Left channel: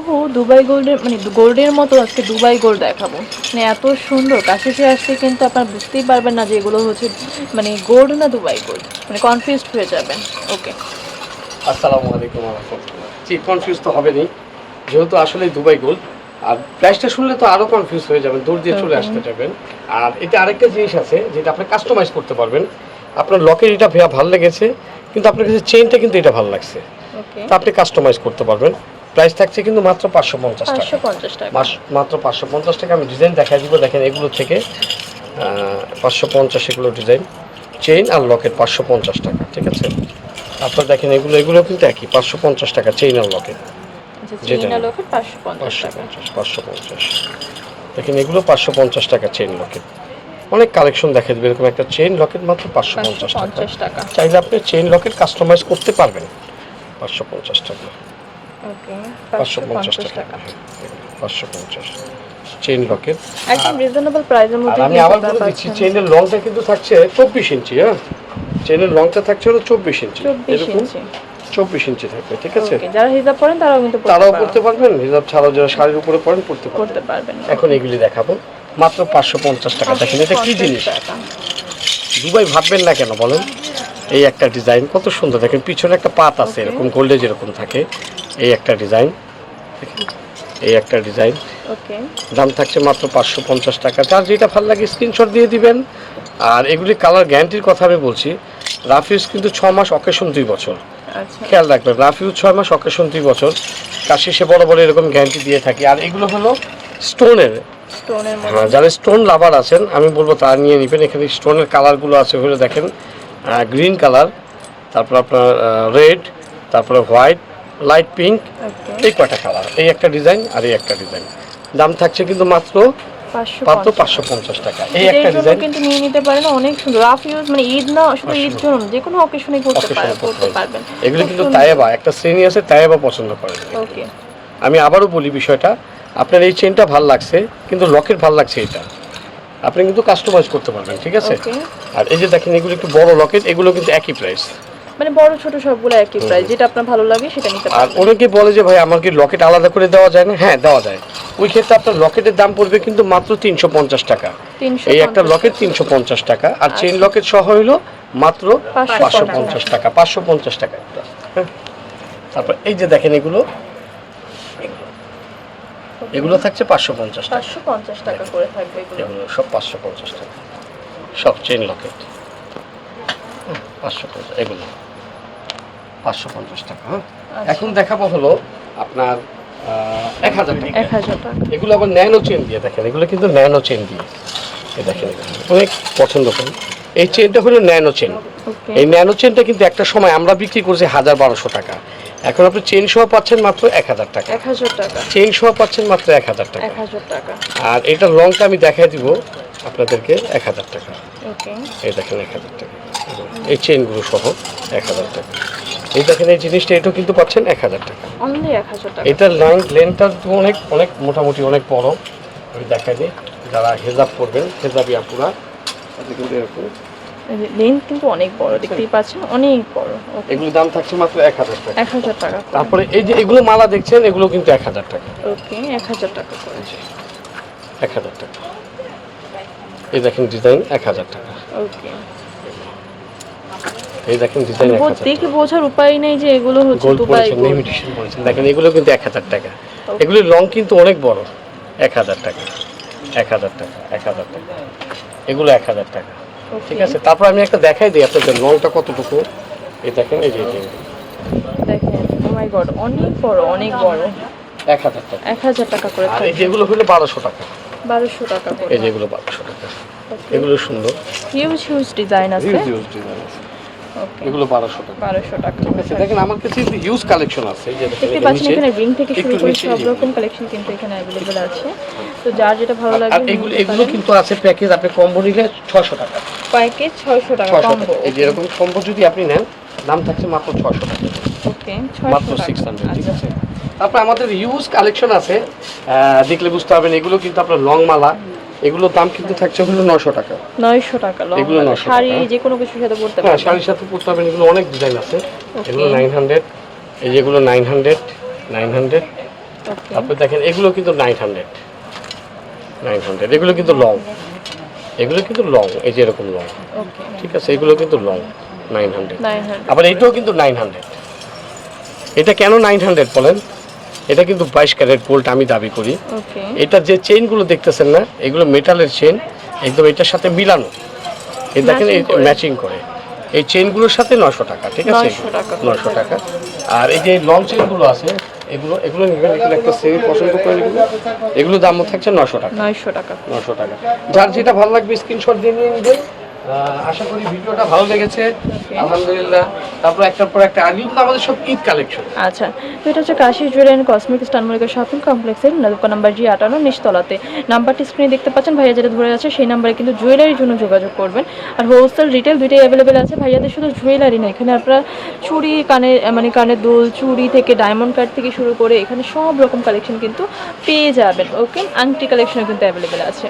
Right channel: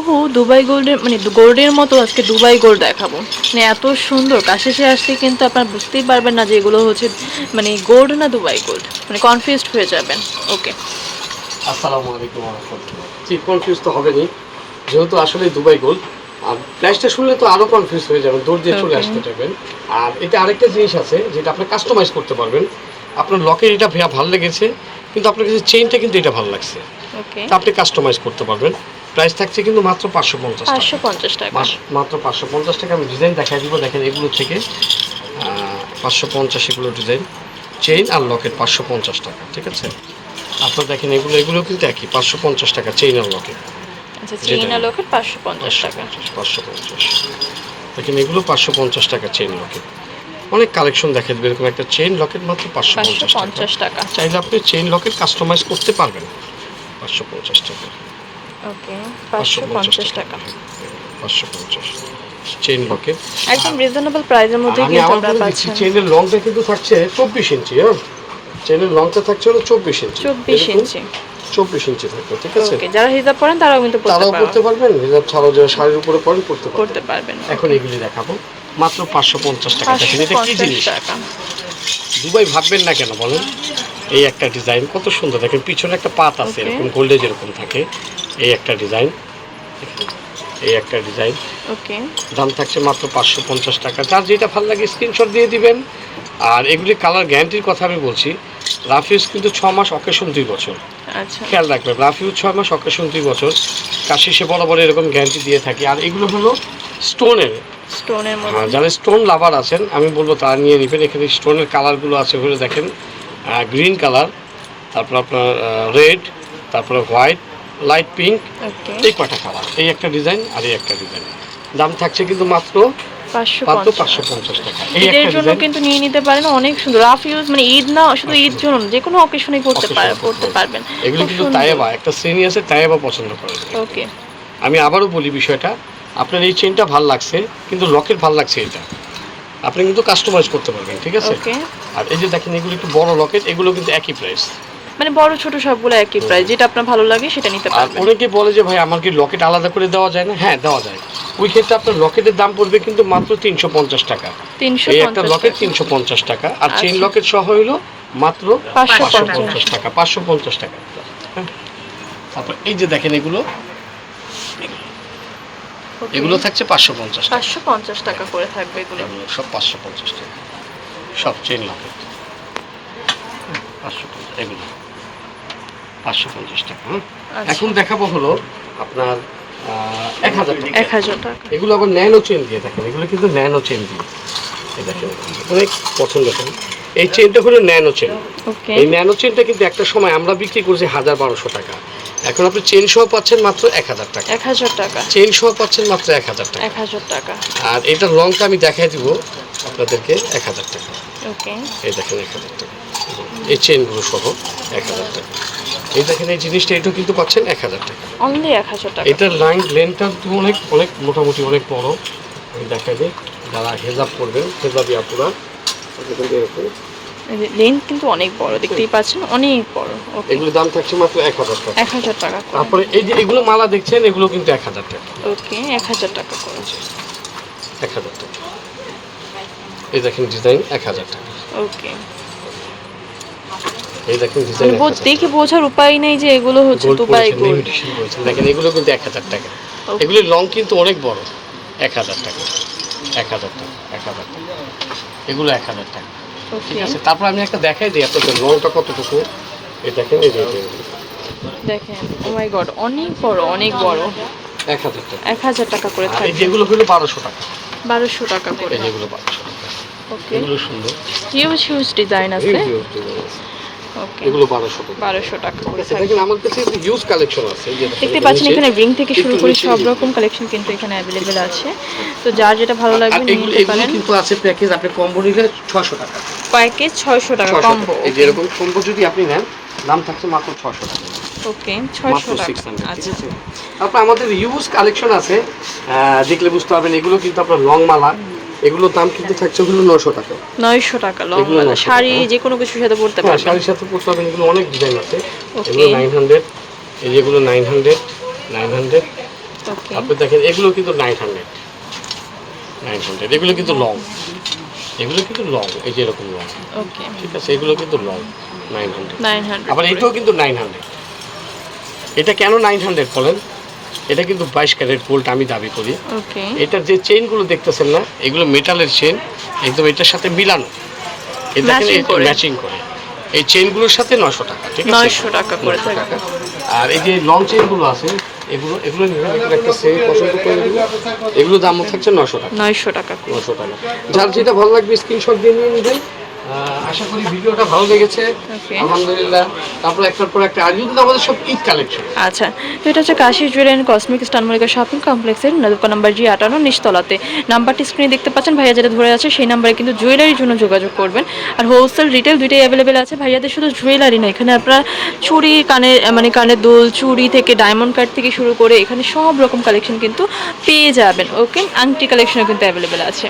হুবহু দুবাই গোল্ডের মানে গোল্ডের মতো আজকে দুবাই গোল্ড দেখাবো। মানে এত সুন্দর কাছে আসতে কিন্তু আপনারা বুঝতেই পারবেন না যে এগুলো হচ্ছে মানে গোল্ড না দুবাই গোল্ড। মানে কনফিউজড হয়ে যাবেন। ওকে আসসালামু আলাইকুম রহমতুল্লাহ। জি কনফিউজ তো হবেনি যেহেতু আসলে দুবাই গোল্ড আর প্রাইসটা শুনলে তো আরও কনফিউজ হয়ে যাবেন দৌড় দিয়ে চলে আসতে যাবেন। আর এটা আরেকটা জিনিস আছে যেটা আপনি কাস্টমাইজ করতে পারবেন। আপনার লকের এটা ভালো লেগেছে কিন্তু আপনার কাছে চেইনটা কিন্তু এটা ভালো লাগছে। আপনি কাস্টমাইজ করতে পারবেন। প্রাইস থাকছে কিন্তু মাত্র পাঁচশো পঞ্চাশ টাকা পাঁচশো পঞ্চাশ টাকা মাত্র পাঁচশো পঞ্চাশ টাকা আমি ডিজাইন দেখাই দিব দেখেন এগুলো থেকে পাঁচশো পঞ্চাশ এগুলো ডিজাইন চেইন আর লকেট পাঁচশো পঞ্চাশ টাকা ঠিক আছে আপনার দেখেন এগুলো এগুলো কিন্তু একই পাঁচশো পঞ্চাশ টাকা চেইন আর লকেট আচ্ছা যেটা- চিনা পাঁচশো পঞ্চাশ টাকা পাঁচশো পঞ্চাশ দেখেন এগুলো পাঁচশো পঞ্চাশ টাকা চেইন লকেট অনেক কালেকশন দেখা দেবে এরকম একটা চেইন লকেট মাত্র পাঁচশো পাঁচশো পঞ্চাশ টাকা চাইলে আপনি চেইন লকেট কাস্টমাইজ করতে পারবেন পাঁচশো পঞ্চাশ টাকা ওকে টাকা। পাঁচশো পঞ্চাশ। চেইন লকেট একদম রিজনেবল প্রাইসের মধ্যে কিন্তু আপনারা পাচ্ছেন। চেইনের লংটা কিন্তু থাকছে চব্বিশ ইঞ্চি হ্যাঁ? চেইনের লংটা থাকছে হলো ইঞ্চি। চব্বিশ এরকম ইঞ্চি। চব্বিশ ইঞ্চি থাকবে ঠিক আছে? ওকে যারা হিজাব পরেন তারাও কিন্তু পড়তে তারাও পারবেন। পড়তে পারবেন হিজাব ছাড়াও যারা শাড়ির উপরে পরেন পড়তে পারবেন। এখন এগুলি দেখাবো। মাত্র পাঁচশো পঞ্চাশ টাকা। পাঁচশো দেখেন এটা কি জিনিস? দুবাই ভাববেন না কেন বলেন? এই একটা ডিজাইন কত সুন্দর। দেখেন পিছনে একটা পাত আছে এরকম গোল্ডে যেরকম থাকে এই একটা ডিজাইন। এই একটা ডিজাইন। ওকে দাম থাকছে মাত্র পাঁচশো পঞ্চাশ টাকা। যার যেটা ভালো লাগে স্ক্রিনশট দিয়ে দিবেন। আর এগুলি কালার গ্যারান্টির কথা আমি বলছি রাফিউজ কিন্তু ছ মাস অকেশন দুই বছর। আচ্ছা। খেয়াল রাখবেন রাফিউজ ছয় মাস অকেশন দুই বছর। কাশি সে বড় বড় এরকম গ্যারান্টি দিয়ে থাকি। আর এগুলো হলো স্টোনের স্টোনের হ্যাঁ, যারা স্টোন লাভার আছেন আমি বলব তারা নিয়ে নেবেন। এখানে স্টোনের কালারগুলো আছে ওগুলো দেখেন। গ্রিন কালার তারপর আপনার রেড তারপরে হোয়াইট লাইট পিঙ্ক এই কয়টা কালার এই একটা ডিজাইন আর এই একটা ডিজাইন দাম থাকছে কিন্তু মাত্র কিন্তু নিয়ে নিতে পারেন অনেক সুন্দর। রাফ ইউজ মানে ঈদ না শুধু ঈদ জন্য যে কোনো অকেশনে পড়তে Occasion পড়তে পড়তে পারবেন। এগুলো কিন্তু তায়েবা একটা শ্রেণি আছে তায়েবা পছন্দ করে ওকে আমি আবারও বলি বিষয়টা আপনার এই চেনটা ভালো লাগছে কিন্তু লকেট ভালো লাগছে এটা। আপনি কিন্তু কাস্টমাইজ করতে পারবেন ঠিক আছে আর এই যে দেখেন এগুলো একটু বড় লকেট এগুলো কিন্তু একই প্রাইস মানে বড় ছোট সবগুলো একই প্রাইস যেটা আপনার ভালো লাগে সেটা নিতে আর পারবেন অনেকে বলে যে ভাই আমার কি লকেট আলাদা করে দেওয়া যায় না হ্যাঁ দেওয়া যায় ওই ক্ষেত্রে আপনার লকেটের দাম পড়বে কিন্তু মাত্র তিনশো পঞ্চাশ টাকা এই একটা লকেট। তিনশো পঞ্চাশ টাকা আর চেন আচ্ছা। লকেট সহ হইল মাত্র পাঁচশো পঞ্চাশ। টাকা পাঁচশো পঞ্চাশ টাকা হ্যাঁ। তারপর এই যে দেখেন এগুলো. এগুলো থাকছে পাঁচশো পঞ্চাশ টাকা। পাঁচশো পঞ্চাশ টাকা করে থাকবে এগুলো। সব পাঁচশো পঞ্চাশ টাকা। সব চেন লকেট পাঁচশো পঞ্চাশ এগুলো। পাঁচশো পঞ্চাশ টাকা হ্যাঁ? আচ্ছা। এখন দেখাবো হলো আপনার এক হাজার টাকা। এক হাজার টাকা। এগুলো আবার ন্যানো চেন দিয়ে দেখেন। এগুলো কিন্তু ন্যানো চেন দিয়ে। এই দেখেন অনেক পছন্দ করি। এই চেনটা হলো ন্যানো চেন এই ন্যানো চেনটা কিন্তু একটা সময় আমরা বিক্রি করছি হাজার বারোশো টাকা। এখন আপনি চেন সহ পাচ্ছেন মাত্র এক হাজার টাকা। এক হাজার টাকা। চেন সহ পাচ্ছেন মাত্র এক হাজার টাকা। এক হাজার টাকা। আর এটার লংটা আমি দেখাই দিব আপনাদেরকে এক হাজার টাকা। ওকে এই দেখেন এক হাজার টাকা। এই চেনগুলো সহ এক হাজার টাকা। এই দেখেন এই জিনিসটা এটাও কিন্তু পাচ্ছেন এক হাজার টাকা। অনলি এক হাজার টাকা। এটার লাইন লেনটা অনেক অনেক মোটামুটি অনেক বড়। আমি দেখা দিই। যারা হেজাব করবেন হেজাবি আপুরা কিন্তু এরকম লেন্থ কিন্তু অনেক বড় দেখতেই পাচ্ছেন অনেক বড় ওকে এগুলোর দাম থাকছে মাত্র এক হাজার টাকা এক হাজার টাকা তারপরে এই যে এগুলো মালা দেখছেন এগুলো কিন্তু এক হাজার টাকা ওকে এক হাজার টাকা করে এক হাজার টাকা এই দেখেন ডিজাইন এক হাজার টাকা ওকে এই দেখেন ডিজাইন মানে দেখে বোঝার উপায় নেই যে এগুলো হচ্ছে দুবাই গোল্ড দেখেন এগুলো কিন্তু এক হাজার টাকা. এগুলোর লং কিন্তু অনেক বড় এক হাজার টাকা এক হাজার টাকা এক হাজার টাকা এগুলো এক হাজার টাকা ঠিক আছে তারপর আমি একটা দেখাই দিই আপনাদের লংটা কতটুকু। এই দেখেন এই যে দেখেন ও মাই গড অনেক বড় অনেক বড়। এক হাজার টাকা। এক হাজার টাকা করে থাকে এই যেগুলো হলো বারোশো টাকা। বারোশো টাকা করে। এই যেগুলো বারোশো টাকা। ওকে এগুলো সুন্দর। হিউজ হিউজ ডিজাইন আছে। এগুলো টাকা। বারোশো টাকা করে আচ্ছা, দেখেন আমার কাছে হিউজ কালেকশন আছে দেখতে পাচ্ছেন এখানে রিং থেকে শুরু করে সব রকম কালেকশন কিন্তু এখানে অ্যাভেলেবেল আছে। তো যার যেটা ভালো লাগবে নিয়ে নিতে পারেন। কিন্তু আছে প্যাকেজ আপনি কম্বো নিলে টাকা। প্যাকেজ ছয়শো টাকা কম্বো টাকা। এই যে এরকম কম্বো যদি আপনি নেন দাম থাকছে মাত্র টাকা। ওকে মাত্র ছয়শো টাকা সিক্স আচ্ছা। তারপর আমাদের ইউজ কালেকশন আছে দেখলে বুঝতে পারবেন এগুলো কিন্তু আপনার লং মালা। এগুলোর দাম কিন্তু থাকছে হলো নশো টাকা। নয়শো টাকা লং শাড়ি যে কোনো কিছুর সাথে পরতে হ্যাঁ পারবেন। শাড়ির সাথে পড়তে পারবেন এগুলো অনেক ডিজাইন আছে। এগুলো নাইন হান্ড্রেড এই যেগুলো nine hundred nine hundred okay আপনি দেখেন এগুলো কিন্তু নাইন হান্ড্রেড নাইন হান্ড্রেড এগুলো কিন্তু লং। এগুলো কিন্তু লং এই যে এরকম লং। ওকে ঠিক আছে এগুলো কিন্তু long nine hundred nine hundred আবার এটাও কিন্তু নাইন হান্ড্রেড এটা কেন নাইন হান্ড্রেড বলেন? এটা কিন্তু বাইশ ক্যারেট গোল্ড আমি দাবি করি। এটা যে চেইনগুলো দেখতেছেন না এগুলো মেটালের চেইন একদম এটার সাথে মিলানো। Matching ম্যাচিং করে? এই চেইনগুলোর সাথে নশো টাকা ঠিক আছে? 900 টাকা করে 900 থাকবে। টাকা। আর এই যে লং চেইনগুলো আছে এগুলো এগুলো একটা সেম পছন্দ করে নেবেন এগুলো দাম থাকছে নশো টাকা। নয়শো টাকা নশো টাকা। যার যেটা ভালো লাগবে স্ক্রিনশট দিয়ে নিয়ে নেবেন। আশা করি ভিডিওটা ভালো লেগেছে। আলহামদুলিল্লাহ। তারপর একটার পর একটা আর কিন্তু আমাদের সব ঈদ কালেকশন আচ্ছা তো এটা হচ্ছে কাশি জুয়েলারি অ্যান্ড কসমেটিক স্টান মলিকা শপিং কমপ্লেক্সের দোকান নাম্বার জি আটান্ন নিচতলাতে। নাম্বারটি স্ক্রিনে দেখতে পাচ্ছেন ভাইয়া যেটা ধরে আছে সেই নাম্বারে কিন্তু জুয়েলারির জন্য যোগাযোগ করবেন। আর হোলসেল রিটেল দুইটাই অ্যাভেলেবেল আছে। ভাইয়াদের শুধু জুয়েলারি না এখানে আপনার চুড়ি কানের মানে কানের দুল চুড়ি থেকে ডায়মন্ড কাট থেকে শুরু করে এখানে সব রকম কালেকশন কিন্তু পেয়ে যাবেন। ওকে আংটি কালেকশনও কিন্তু অ্যাভেলেবেল আছে।